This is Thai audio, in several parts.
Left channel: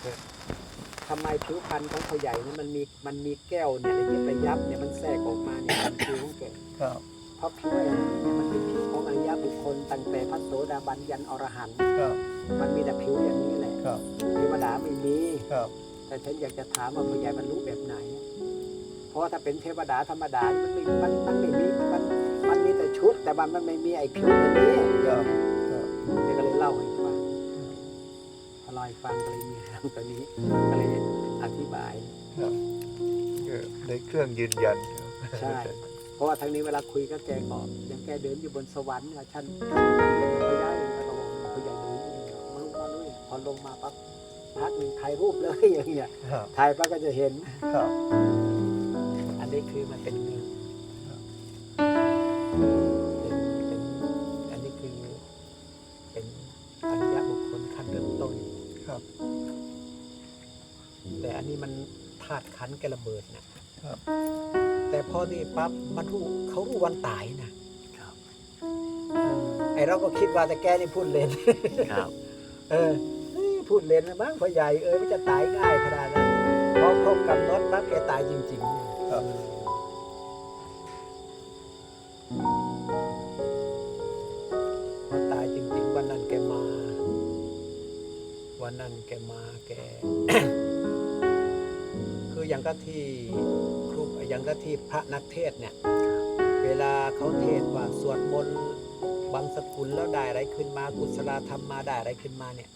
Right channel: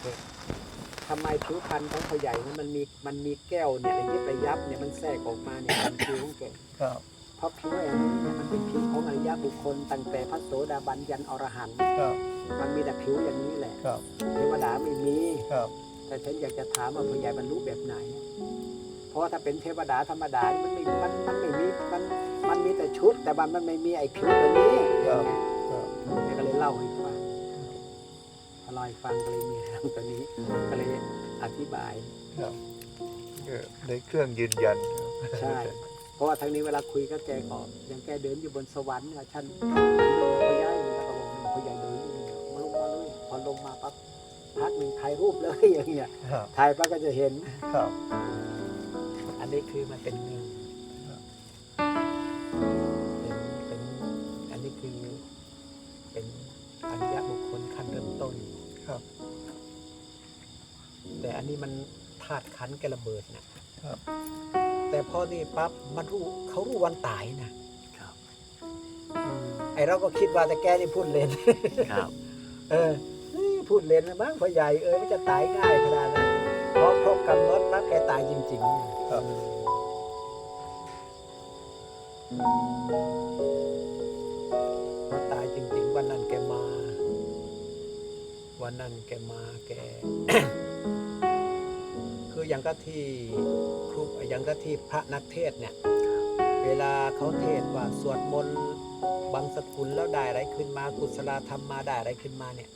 เถอะทำไมผิวพรรณของเขาใหญ่นั้นมันมีมันมีแก้วเนี่ยระยิบระยับเนี่ยมันแทรกออกมาเนี่ยเป็นผิวของแกครับเพราะผิวอย่างนี้เนี่ยมันเป็นผิวของอริยบุคคลตั้งแต่พระโสดาบันยันอรหันต์ครับมันมีแต่ผิวอย่างนี้แหละครับเทวดาไม่มีครับ แต่ฉันอยากจะถามว่าผู้ใหญ่บรรลุแบบไหน เพราะว่าถ้าเป็นเทวดาธรรมดานี่มันไม่มันมันไม่มีมันมันมีแต่ชุด แต่มันมันไม่มีไอ้ผิวตัวนี้ครับครับแกก็เลยเล่าให้ ฟังพอเล่าให้ฟังก็เลยมีเรื่องตัวนี้ก็เลยอธิบายครับก็ได้เครื่องยืนยันใช่เพราะว่าทางนี้เวลาคุยก็แกก็ยังแกเดินอยู่บนสวรรค์เนี่ยฉันพย้ายแล้วก็บอกพยายเดินอยู่นี่มาลงมาเลยพอลงมาปั๊บพักหนึ่งถ่ายรูปเลยอย่างเงี้ยครับถ่ายปั๊บก็จะเห็นครับอันนี้คือมันเป็นเรื่องครับเป็นเป็นอันนี้คือเป็นอริยบุคคลขั้นเริ่มต้น ครับ แต่อันนี้มันธาตุขันธ์แกระเบิดนะครับ แต่พอนี่ปั๊บมันรู้เขารู้วันตายนะครับไอเราก็คิดว่าแต่แกนี่พูดเล่นครับ เออเฮ้ยพูดเล่นนะมั้งพ่อใหญ่เออมันจะตายง่ายขนาดนั้นพอครบกำหนดปั๊บแกตายจริงๆเนี่ยครับพอตายจริง ๆ วันนั้นแกมา วันนั้นแกมาแก คืออย่างก็ที่ครูอย่างก็ที่พระนักเทศน์เนี่ย เวลาเขาเทศน์ว่าสวดมนต์บางสกุลแล้วได้อะไรขึ้นมากุศลธรรมมาได้อะไรขึ้นมาเนี่ย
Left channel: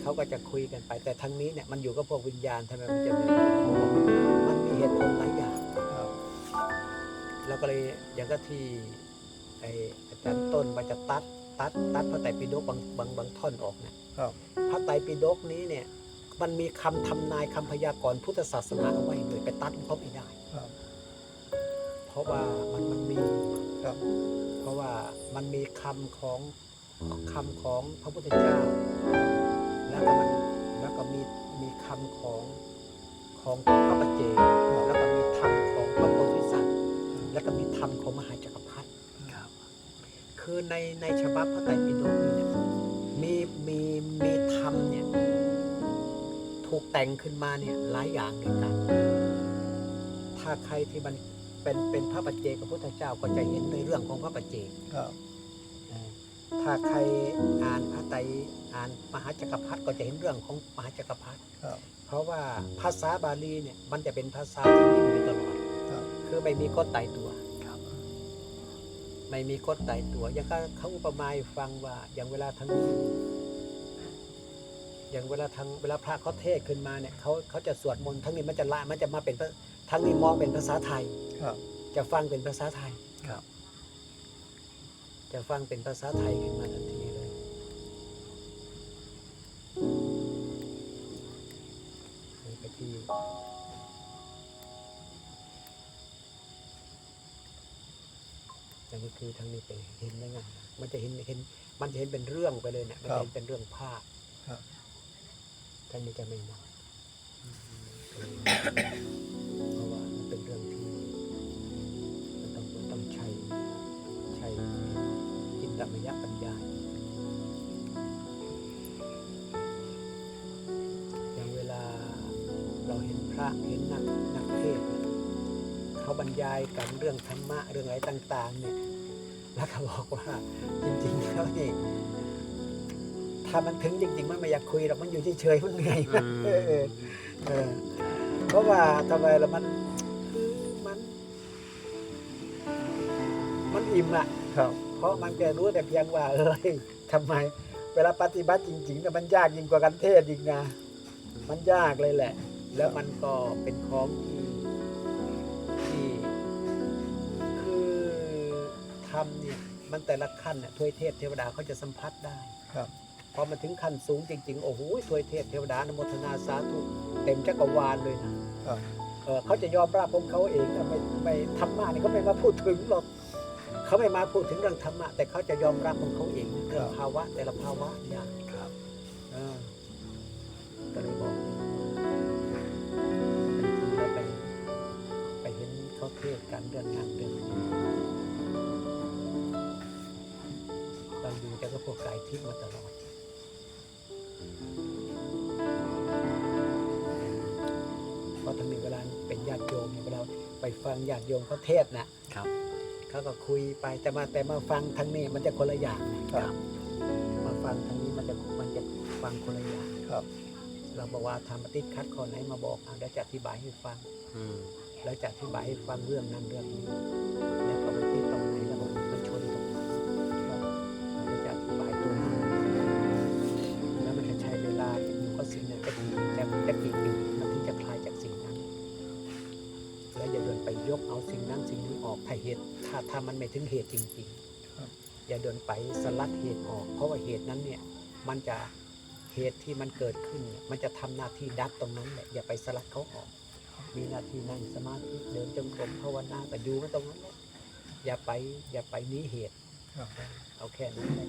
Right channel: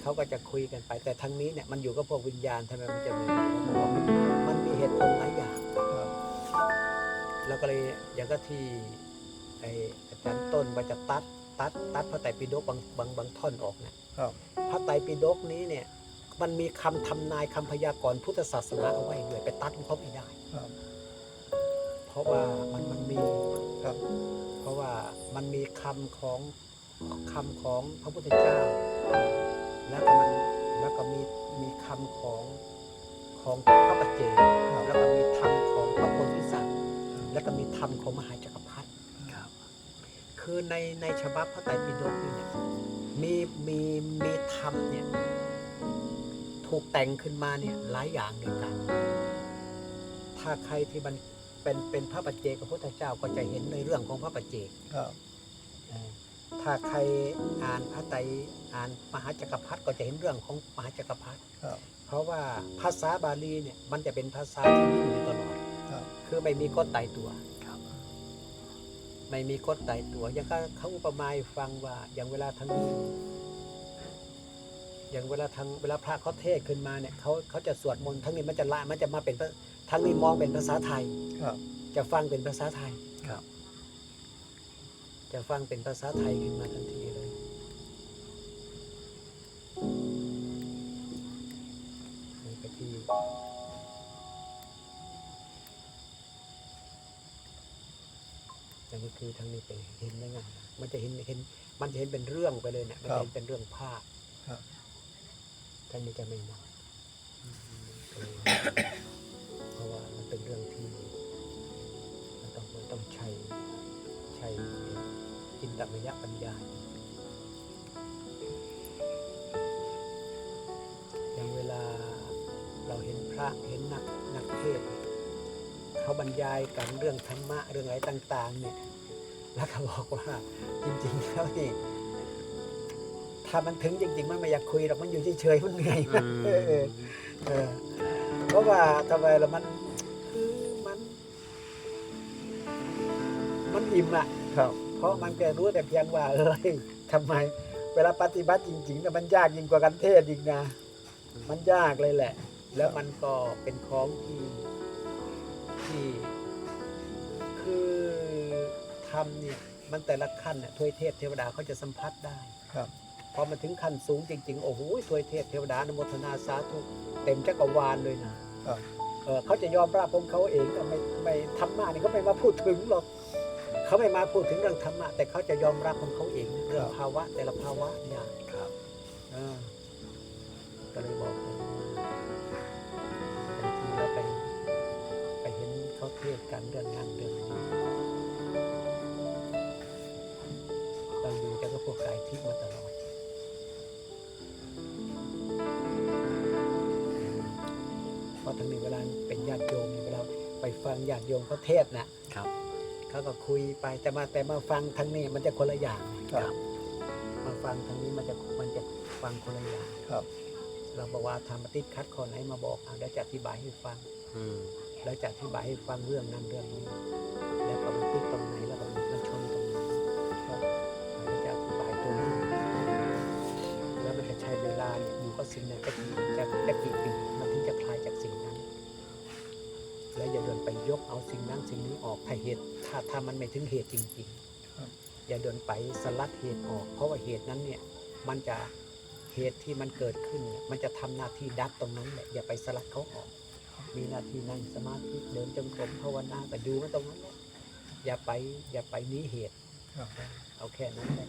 เขาก็จะคุยกันไป แต่ทั้งนี้เนี่ยมันอยู่กับพวกวิญญาณทำไมมันจะไม่รู้ผมบอกว่ามันมีเหตุผลหลายอย่างครับแล้วก็เลยอย่างก็ที่ไออาจารย์ต้นว่าจะตัด ตัดตัดพระไตรปิฎกบางบางบางท่อนออกเนี่ยครับพระไตรปิฎกนี้เนี่ยมันมีคำทำนายคำพยากรณ์พุทธศาสนาเอาไว้ด้วยไปตัดมันเขาไม่ได้ครับ เพราะว่ามันมันมีครับ เพราะว่ามันมีคำของคำของพระพุทธเจ้า แล้วก็มันแล้วก็มีมีคำของของพระปัจเจกครับแล้วก็มีธรรมของพระโพธิสัตว์ แล้วก็มีธรรมของมหาจักรพรรดิครับ คือในในฉบับพระไตรปิฎกนี่เนี่ยมีมีมีธรรมเนี่ยถูกแต่งขึ้นมาเนี่ยหลายอย่างด้วยกัน ถ้าใครที่มันเป็นเป็นพระปัจเจกพระพุทธเจ้าก็จะเห็นในเรื่องของพระปัจเจกครับเออถ้าใครอ่านพระไตรอ่านมหาจักรพรรดิก็จะเห็นเรื่องของมหาจักรพรรดิครับเพราะว่าภาษาบาลีเนี่ยมันจะเป็นภาษาที่ยิ่งอยู่ตลอดครับคือไม่มีกฎตายตัวครับ ไม่มีกฎตายตัวอย่างก็เขาอุปมาให้ฟังว่า อย่างเวลาทั้งอย่างเวลาทางเวลาพระเขาเทศน์ขึ้นมาเนี่ยเขาเขาจะสวดมนต์ทั้งนี้มันจะละมันจะมาเป็นภาทั้งนี้มองเป็นภาษาไทยครับ จะฟังเป็นภาษาไทยครับ จะฟังเป็นภาษาไทยขึ้นมาทันทีเลย นี่ไปที่ อย่างนี้คือทางนี้ไปเห็นได้ไงมันจะเห็นเห็น มันจะเห็นเป็นเรื่องไปเลยเนี่ยมันจะเห็นเป็นเรื่องภาพครับทางนี้จะไม่มองเออเพราะว่ามันเป็นเรื่องที่มันต้องมันต้องใช้ใช้จินตมยปัญญาอย่างเวลาเราเห็นพระเห็นนักนักเทศน์ เนี่ยเขาบรรยายกันเรื่องธรรมะเรื่องอะไรต่าง ๆ เนี่ย แล้วก็บอกว่าจริงๆแล้วนี่ถ้ามันถึงจริง ๆ มันไม่อยากคุยหรอกมันอยู่เฉยๆมันเหนื่อยนะเออเออเออเพราะว่าทำไมล่ะมันคือมัน มันอิ่มอะครับเพราะมันแกรู้แต่เพียงว่าเอ้ยทำไม เวลาปฏิบัติจริงๆเนี่ยมันยากยิ่งกว่ากันเทศอีกนะ มันยากเลยแหละ แล้วมันก็เป็นของที่ ที่คือทำเนี่ยมันแต่ละขั้นเนี่ยทวยเทพเทวดาเขาจะสัมผัสได้ครับพอมาถึงขั้นสูงจริงๆ โอ้โหทวยเทพเทวดาอนโมทนาสาธุเต็มจักรวาลเลยนะครับเออเขาจะยอมรับของเขาเองนะไม่ไม่ธรรมะนี่เขาไม่มาพูดถึงหรอกเขาไม่มาพูดถึงเรื่องธรรมะแต่เขาจะยอมรับของเขาเองนะเรื่องครับภาวะแต่ละภาวะเนี่ยครับเออก็เลยบอกเลย เห็นเขาเทศกันเรื่องนั้นเรื่องนี้เราอยู่แต่ก็พวกกายทิพย์มาตลอดราะทั้งนี้เวลาเป็นญาติโยมเนี่ยเวลาไปฟังญาติโยมเขาเทศน์นะครับเขาก็คุยไปแต่มาแต่มาฟังทางนี้มันจะคนละอย่างนะครับ มาฟังทางนี้มันจะมันจะฟังคนละอย่างครับ เราบอกว่าทำติดคัดข้อไหนมาบอกอะแล้วจะอธิบายให้ฟัง อืม แล้วจะอธิบายให้ฟังเรื่องนั้นเรื่องนี้ แล้วก็มันติดตรงไหนแล้วก็มันชนตรงไหนครับแล้วจะอธิบายตัวนั้นแล้วมันจะใช้เวลาเนี่ยอยู่กับสิ่งนั้นจะกี่จะจะกี่ปีมันถึงจะคลายจากสิ่งนั้น แล้วอย่าเดินไปยกเอาสิ่งนั้นสิ่งนี้ออกถ้าเหตุถ้าถ้ามันไม่ถึงเหตุจริงครับๆอย่าเดินไปสลัดเหตุออก เพราะว่าเหตุนั้นเนี่ยมันจะเหตุที่มันเกิดขึ้นเนี่ยมันจะทำหน้าที่ดับตรงนั้นแหละอย่าไปสลัดเขาออก มีหน้าที่นั่งสมาธิเดินจงกรมภาวนาแต่ดูไว้ตรงนั้นแหละอย่าไปอย่าไปหนี้เหตุ ครับเอาแค่นั้นแหละ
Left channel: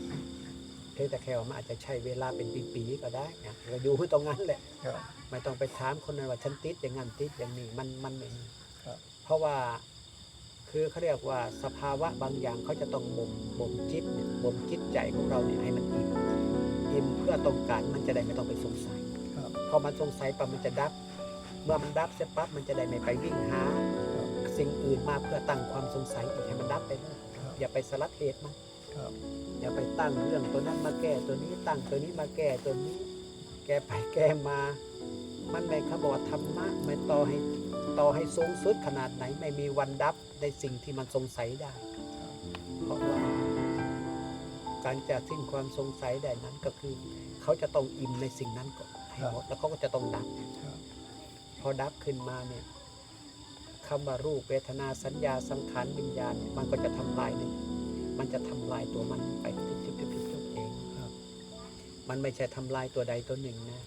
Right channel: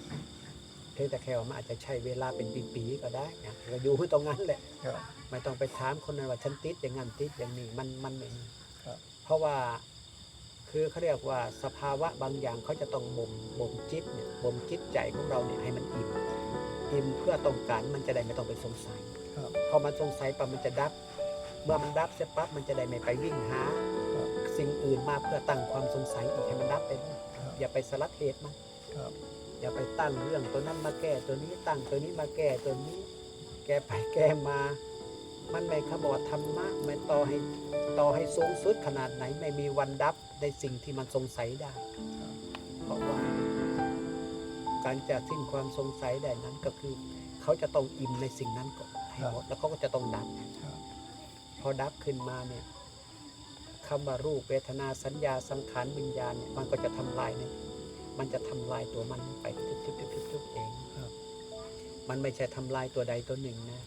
เพียงแต่แค่ว่ามันอาจจะใช้เวลาเป็นปีๆก็ได้นะเราดูไว้ตรงนั้นแหละ ครับ ไม่ต้องไปถามคนนั้นว่าฉันติดอย่างนั้นติดอย่างนี้มันมันไม่มีครับ เพราะว่าคือเขาเรียกว่าสภาวะบางอย่างเขาจะต้องบ่มบ่มจิตเนี่ยบ่มจิตใจของเราเนี่ยให้มันอิ่มอิ่มเพื่อต้องการมันจะได้ไม่ต้องไปสงสัยครับ พอมันสงสัยปั๊บมันจะดับ เมื่อมันดับเสร็จปั๊บมันจะได้ไม่ไปวิ่งหา ครับ สิ่งอื่นมาเพื่อตั้งความสงสัยอีกให้มันดับไปเลยครับอย่าไปสลัดเหตุมันครับ อย่าไปตั้งเรื่องตัวนั้นมาแก้ตัวนี้ตั้งตัวนี้มาแก้ตัวนี้ แก้ไปแก้มา มันไม่เขาบอกว่าธรรมะไม่ต่อให้ต่อให้สูงสุดขนาดไหนไม่มีวันดับในสิ่งที่มันสงสัยได้ ครับ เพราะว่า การจะสิ้นความสงสัยได้นั้นก็คือ เขาจะต้องอิ่มในสิ่งนั้นก่อนให้หมดแล้วเขาก็จะต้องดับ ครับ พอดับขึ้นมาเนี่ยคำว่ารูปเวทนาสัญญาสังขารวิญญาณเนี่ยมันก็จะทำลายในมันจะทำลายตัวมันไปทุบๆๆๆเองครับ มันไม่ใช่ทำลายตัวใดตัวหนึ่งนะ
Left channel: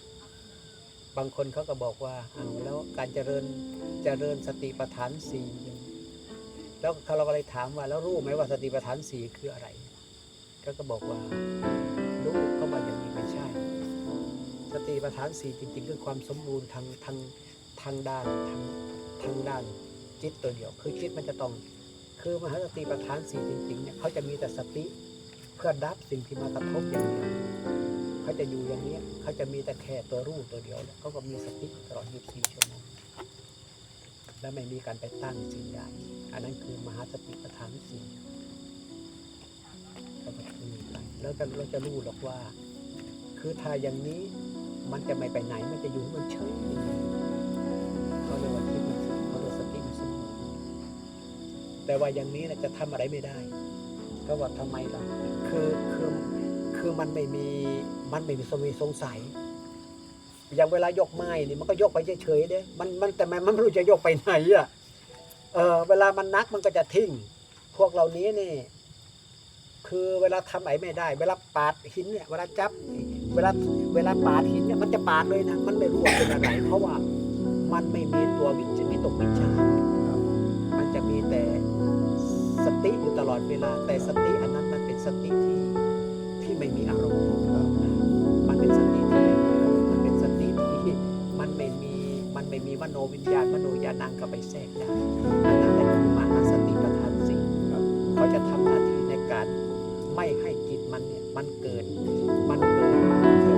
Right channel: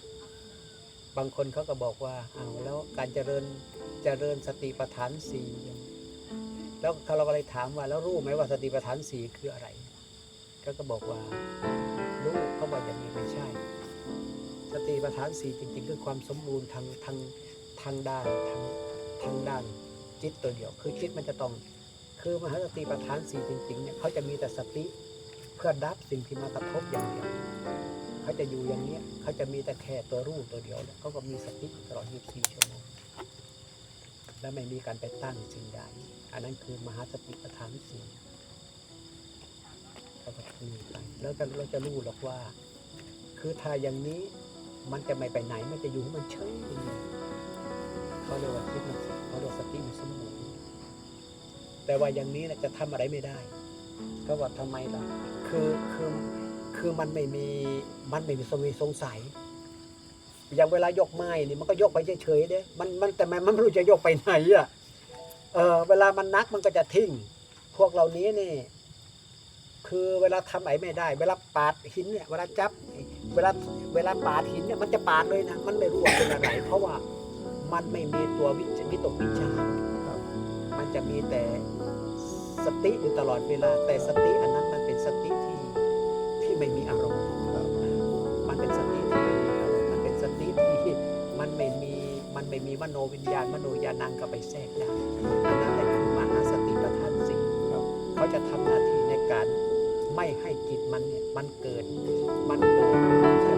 บางคนเขาก็บอกว่าเอาวแล้วการเจริญเจริญสติปัฏฐานสี่อย่างแล้วเราก็เลยถามว่าแล้วรู้ไหมว่าสติปัฏฐานสี่คืออะไรเขาก็บอกว่ารู้เขาว่าอย่างนี้ไม่ใช่ สติปัฏฐานสี่จริง ๆ คือความสมบูรณ์ทางทาง ทางด้านทางทางด้านจิตตัวเดียว คือจิตมันจะต้อง คือมหาสติปัฏฐานสี่จริงๆเนี่ยเขาจะมีแต่สติเพื่อดับสิ่งที่มากระทบอย่างเดียว เขาจะอยู่อย่างเนี้ยเขาจะมีแต่แค่ตัวรู้ตัวเดียวแล้วเขาก็มีสติตลอด 24 ชั่วโมง และไม่มีการไปตั้งสิ่งใดอันนั้นคือมหาสติปัฏฐานสี่เขาก็คือไปแล้วจะเราจะรู้หรอกว่า คือถ้าอย่างนี้มันจะไม่ไปไหน มันจะอยู่มันเฉยอย่างนี้ เขาเรียกว่าคิดมันเขาเรียกสติมันสมบูรณ์แต่ว่าอย่างนี้นะจะทำอะไรไม่ได้ ก็ว่าทำไมล่ะคือคือคือมันไม่มีมันไม่มีสมีสงสัย อย่างเวลายกไม้นี่มันก็ยกไปเฉยๆเด้มันมันแต่มันมันไม่รู้จะยกไปไหนอะเออเวลามันนักมันก็จะทิ้ง พวกเหล่านี้นี่ คือเวลาทำไหนไม่ได้ เวลาปาดหินเนี่ยเวลาจับ เวลาเวลาปาดหินเนี่ยมันจะปาดเลยนะมันไม่รู้ว่าเป็นอะไร เพราะว่า มันไม่มีตัววิจวิตกวิจารณ์ครับมันจะมีแต่สติอยู่ตลอดเวลา แต่สติอันนั้นมันเป็นสติที่ที่ไม่มีอารมณ์ครับมันเป็นสติที่ไม่มีอารมณ์มันเป็นสติที่มันไม่มีมันไม่มีมโนวิญญาณมโนญาณังเข้าไปแทรกได้อันนั้นแหละคือมหาสติปัฏฐานสี่ครับเขาจะทำหน้าที่ในการไม่ให้จิตมันเนี่ยมันเกิดมันเกิด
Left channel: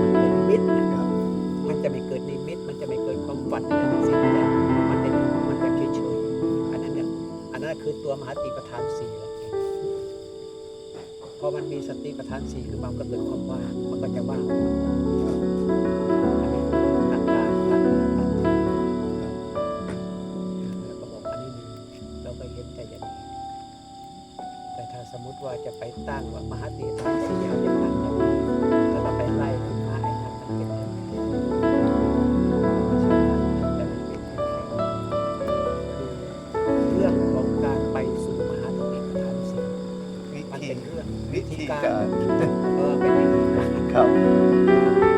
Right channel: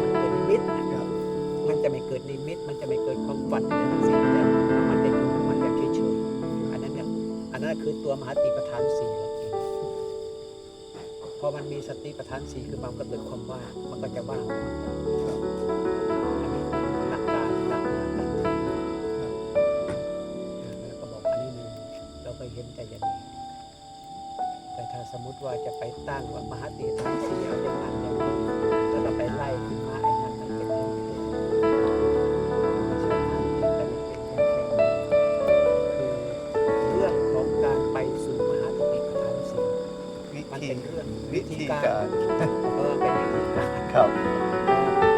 จะไม่เกิดนิมิต มันจะไม่เกิดความฝันอะไรทั้งสิ้นแต่มันจะอยู่ของมันแบบเฉยๆอันนั้นเนี่ยอันนั้นคือตัวมหาติปัฏฐานสี่และเองพอมันมีสติปัฏฐานสี่คือมันก็เกิดความว่างมันก็จะว่างอันนี้หลักการหลักหลักการแล้วก็บอกอันนี้มีเราก็เห็นแต่อย่างนี้แต่ถ้าสมมติว่าจะไปตั้งว่ามหาติปัฏฐานสี่เอาอย่างนั้นอย่างนี้แล้วก็ไปไล่ขึ้นมา วิธีการเออเป็นวิธีการครับ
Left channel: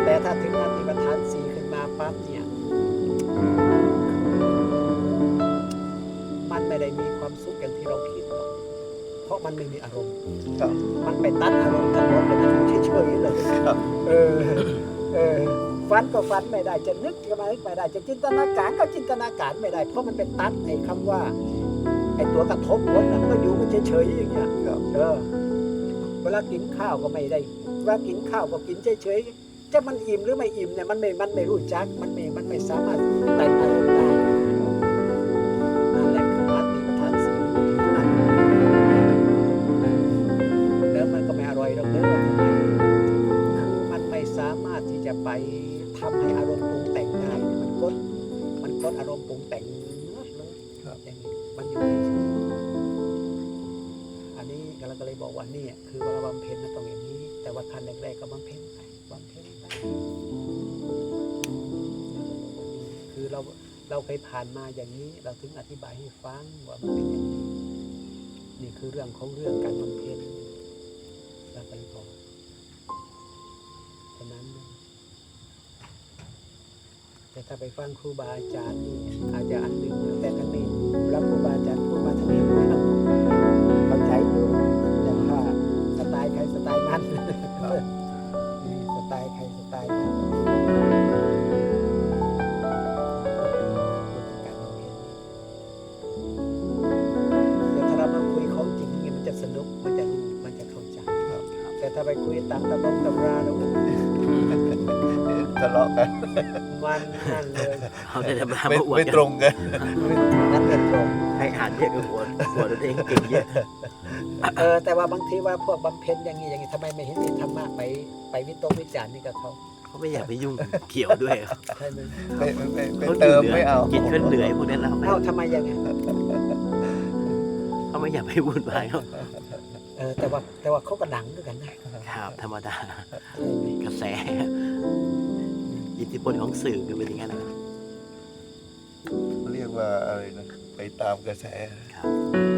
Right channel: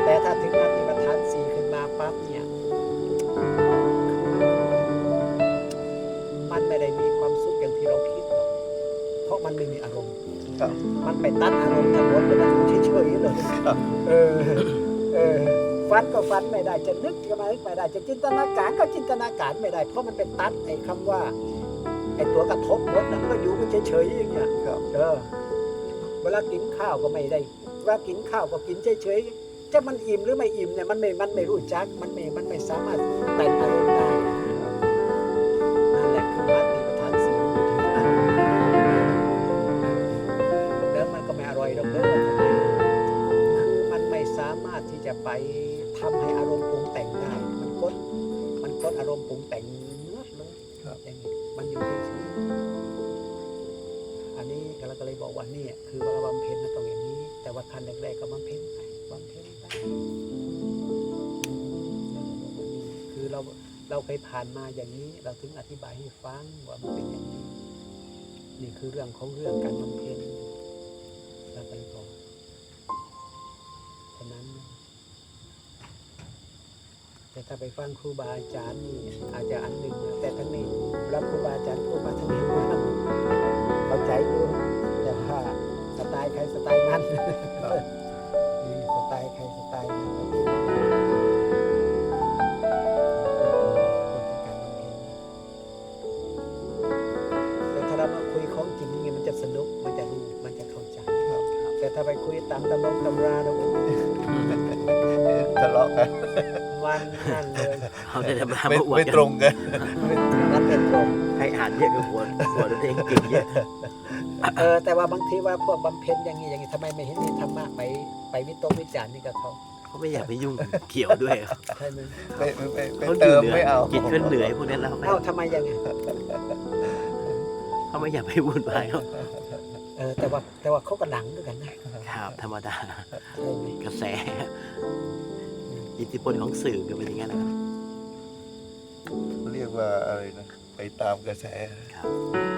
แต่ถ้าถึงนาทีประธานสี่ขึ้นมาปั๊บเนี่ย มันไม่ได้มีความสุขอย่างที่เราคิดหรอกเพราะมันไม่มีอารมณ์ครับมันไปตัดอารมณ์ทั้งหมดเลยมันอยู่เฉยๆเลยครับเออเออฟันก็ฟันไม่ได้จะนึกก็มานึกไม่ได้จะจินตนาการก็จินตนาการไม่ได้ เพราะมันเป็นตัดไอ้คำว่าไอ้ตัวกระทบหมดนะมันก็อยู่มันเฉยๆอย่างเงี้ยครับเออ เวลากินข้าวก็ไม่ได้เวลากินข้าวก็กินเฉยๆจะมันอิ่มหรือไม่อิ่มเนี่ยมันไม่มันไม่รู้จักมันไม่มันไม่สามารถแต่งอารมณ์ได้นั่นแหละคือมัตติประธานสีแล้วมันก็ไม่อร่อยหรอกเด้อทำไมคือมันไม่สามารถที่จะไปทำให้อารมณ์ปรุงแต่งได้ มันกดมันกดอารมณ์ปรุงแต่งเนื้อเลยอย่างนี้มันอยู่เฉยๆ อันนี้เราก็เลยบอกว่านี่คือเวลาบำเพ็ญนะต้องอย่างนี้ แต่ว่าขั้นแรกๆก็บำเพ็ญไปบำเพ็ญไปคือเราเราเคยผ่านมาอย่างนี้ เราถึงอธิบายให้ฟังว่ามันเป็นอย่างนี้ นี่คือเรื่องของเรื่องการบำเพ็ญเราไปบอกฉะนั้น แต่ถ้าไปฟังครูบาอาจารย์นี่อาจจะอันหนึ่งนะแต่ทั้งนี้รับครูบาอาจารย์พูดมาทั้งนี้พูดมัน เข้าใจอยู่แต่ว่าสไตล์ใครสไตล์มันสไตล์ใครสไตล์มันแต่ถ้าเรามาคุยของจริงมันจะสนุกมันจะรู้มันจะเข้าใจ แต่ถ้าไปคุยตามตำรงตำราแล้วโอ้ยทะเลาะกันมันนั่นเลยเขาจะมาไม่มาอวดไม่กันตรงกันมันเป็นตรงให้อ่านเยอะกับหัวหัวตัวเองเก่งเยอะเออแต่ว่าบางทีว่าพวกบำเพ็ญอย่างนี้อย่างนี้ทำไมไม่เห็นมีธรรมะไปไปวิตกวิจารณ์นี่กับเขาเขาไม่อยากไปยุ่งเกี่ยวด้วยใช่ไหมไม่ไม่ไม่ไม่เขาเติมหนื่ยไม่เอาจิตเขาเหนื่อยพวกนั้นแล้วเอ้าทำไมยังไงเขาไม่อยากไปวุ่นวายเขา เออแต่ว่าแต่ว่าเขาก็ดังด้วยกันนะครับ ธรรมดาใช่ไหมกระแส อิทธิพลของสื่อก็เป็นอย่างนั้นแหละครับเรียกว่าอะไรนะ ไปตามกระแสครับ